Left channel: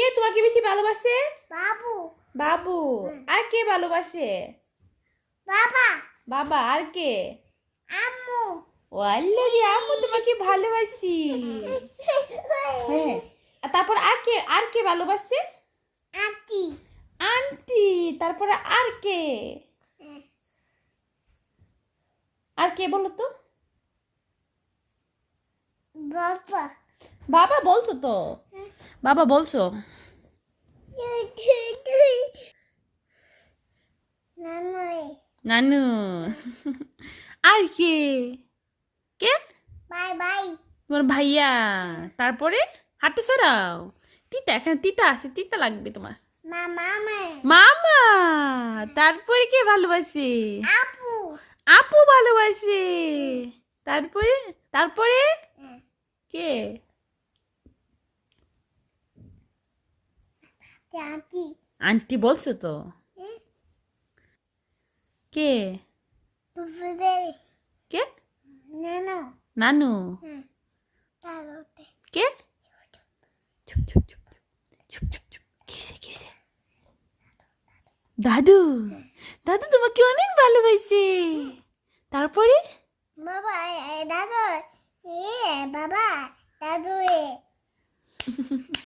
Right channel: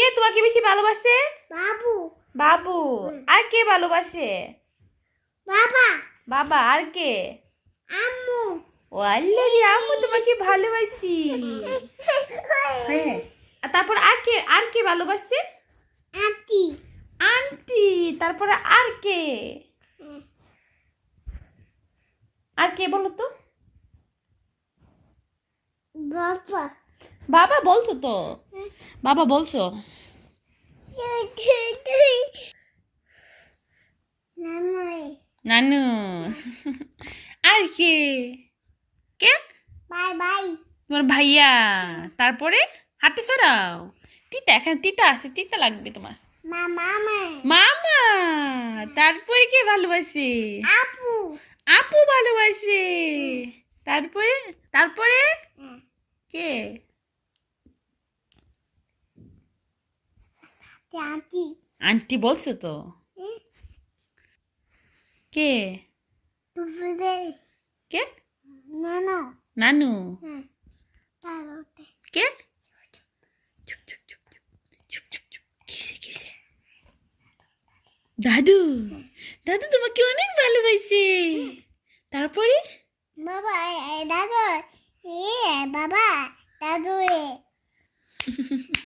কে তোমাকে বেশি ভালোবাসে? বাবু। বাবু। আর কে ভালোবাসে? বাবা। বাবা। আর কে? আম্মু। ও আল্লাহ রে, আম্মু তোমাকে ভালোবাসি। হ্যাঁ। আর তারপর আর কে ভালোবাসে? আন্টি। আন্টি। তারপরে আর কে? আর কে বলো তো? বাবা। বাবা বলছো তো, বাবা বলছো। নানু। আর কে? কে? Bye bye. তোমার ভাইয়া। তারপরে হাঁটু সরাও। তিতা, এখানে তিতা আছে, তিতা লাগবে তোমার। মামা। মামা। তারপরে কে ভালোবাসে? আপু। আপু ভালোবাসে। তারপরে তারপরে কে? আন্টি। আন্টি বলছো তো। কে? কে? নানো। নানু। তারপরে কে? চুপ চুপ চুপ চুপ চুপ চুপ। কিসে কিসে? দাদু। দাদু তোমাকে অনেক ভালোবাসে। তারপরে বাবা দাদু বাবা দাদু